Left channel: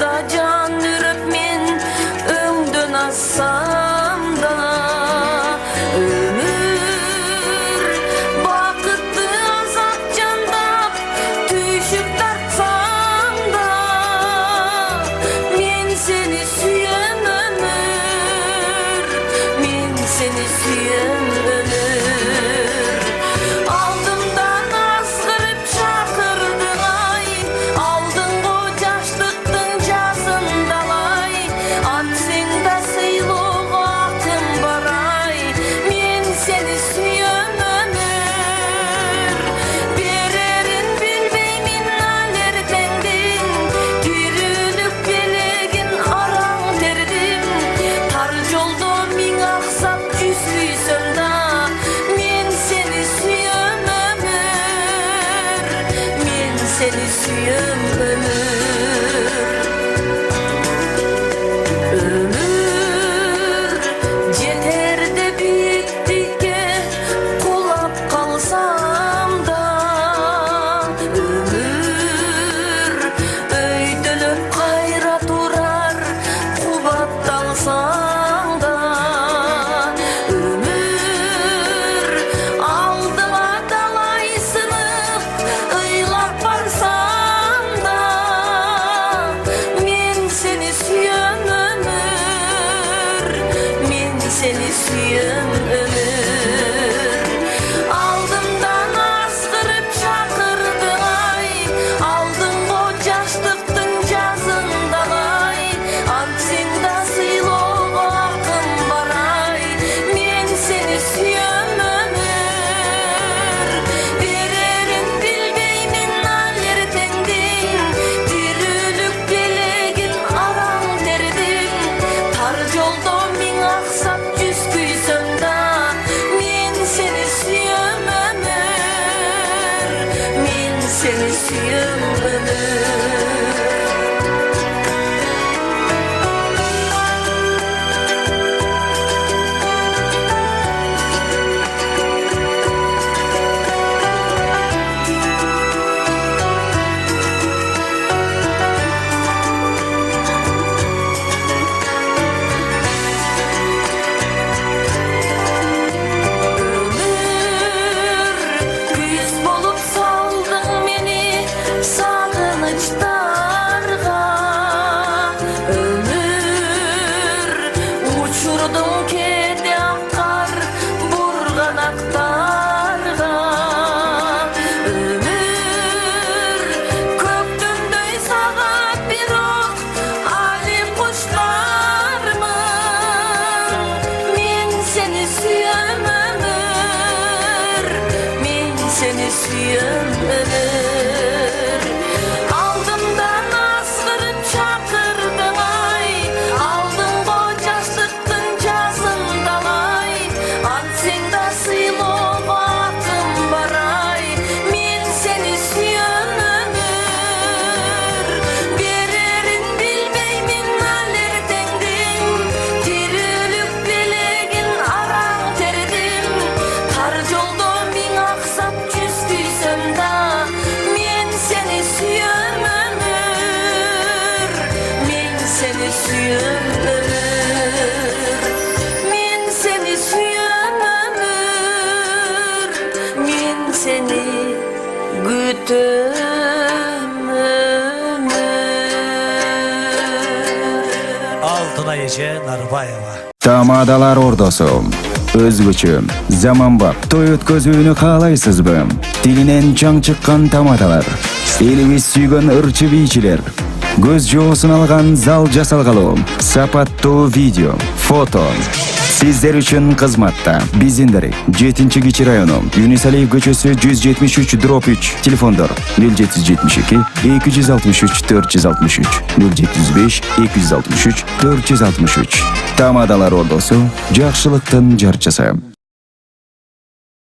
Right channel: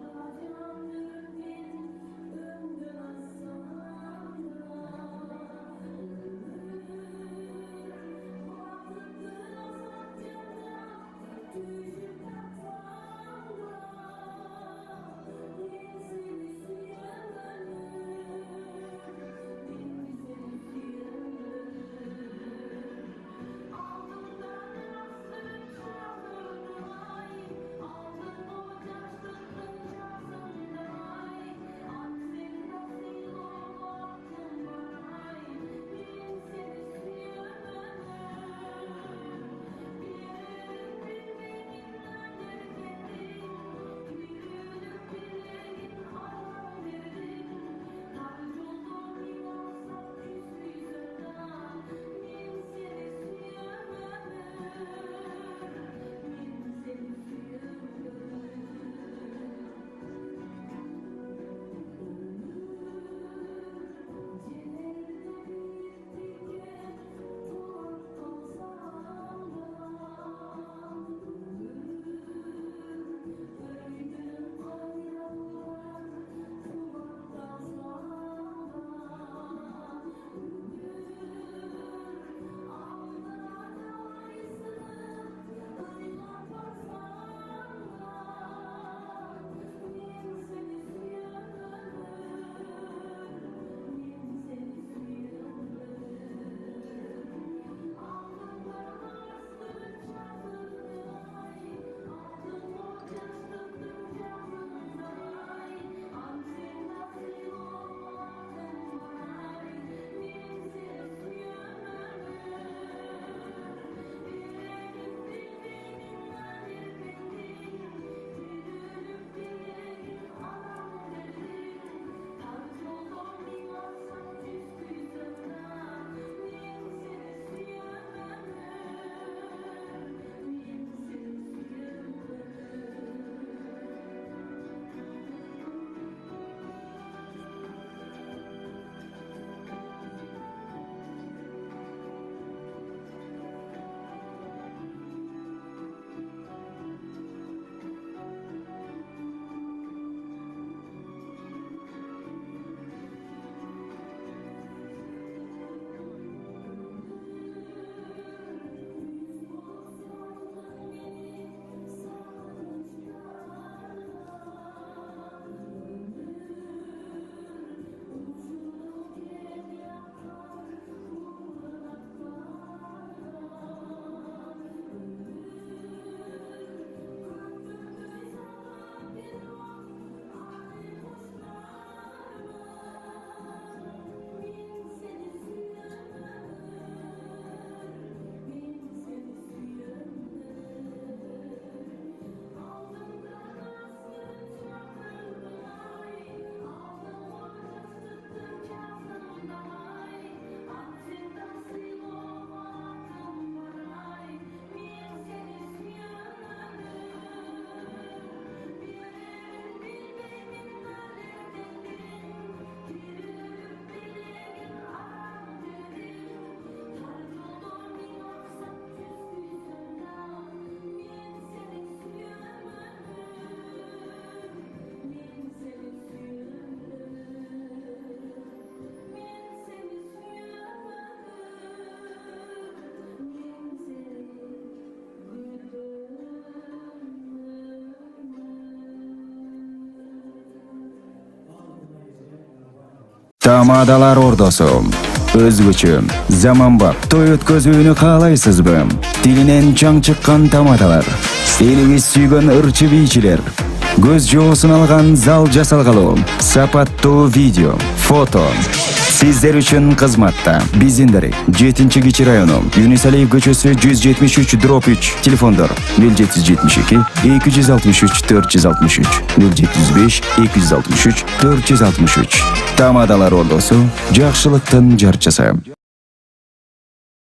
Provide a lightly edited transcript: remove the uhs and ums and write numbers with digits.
da can ürüp men öňden assam da ömür bakıtly azap jandap tüýşüp tartsam da men seni süýen ömür, men seni süýen ömür. Aldımdan asgırıp çakırdyň ay, aldyňgo jaşlykdyň jasındalay, atsyň da syýluk akym baray, men seni süýen ömür. Bererin bilbeymin alertengdiň, tirülük belegin araň terdim, tar jolda miň aksap küsüýsem da, men seni süýen ömür, men seni süýen ömür. Ömür jeterde biýiklikке kulap kalsam da, ömür öýdülüp gaýra turar kubatdansam da, ömür aldyma dalaýsynyp ыйлап barsam da, men seni süýen ömür, men seni süýen ömür. Aldymdan asgırıp çakırdyň ay, aldyňgo jaşlykdyň jasındalay, atsyň da syýluk akym baray, men seni süýen ömür. Bererin bilbeymin alertengdiň, tirülük belegin araň terdim, tar jolda miň aksap küsüýsem da, men seni süýen ömür, men seni süýen ömür. Küs bolup saldyň meni sagynçlarga, ömür uçurdyň kede akar burganaklarga, ömür kökdündöy saga bir ok alim kuşlarmyň, men seni süýen ömür, men seni süýen ömür. Aldymdan asgırıp çakırdyň ay, aldyňgo jaşlykdyň jasındalay, atsyň da syýluk akym baray, men seni süýen ömür. Bererin bilbeymin alertengdiň, tirülük belegin araň terdim, tar jolda miň aksap küsüýsem da, men seni süýen ömür, men seni süýen ömür. Men seni süýen ömür, men seni gütüm ömür. Altına Ece Narbayeva. Tamadalar ordosu. Özgüçü, zamanbap, toy ötközүүnü kalaysızbı? Dilinen çaң çıkkan tamadalar. Elibis süýgen ırçı biyçiler. Göz joosун algan zal jasalgalı. Sapattуу video, foto. Sizler üçün kızmatta. Bizinderi 7-Keçi rayonu, Yunus Aliyev köçösü 173/3, telefondur 0772 263 463 075 263 463. Tamadalar ordosu, jakşılıktın jarçысы.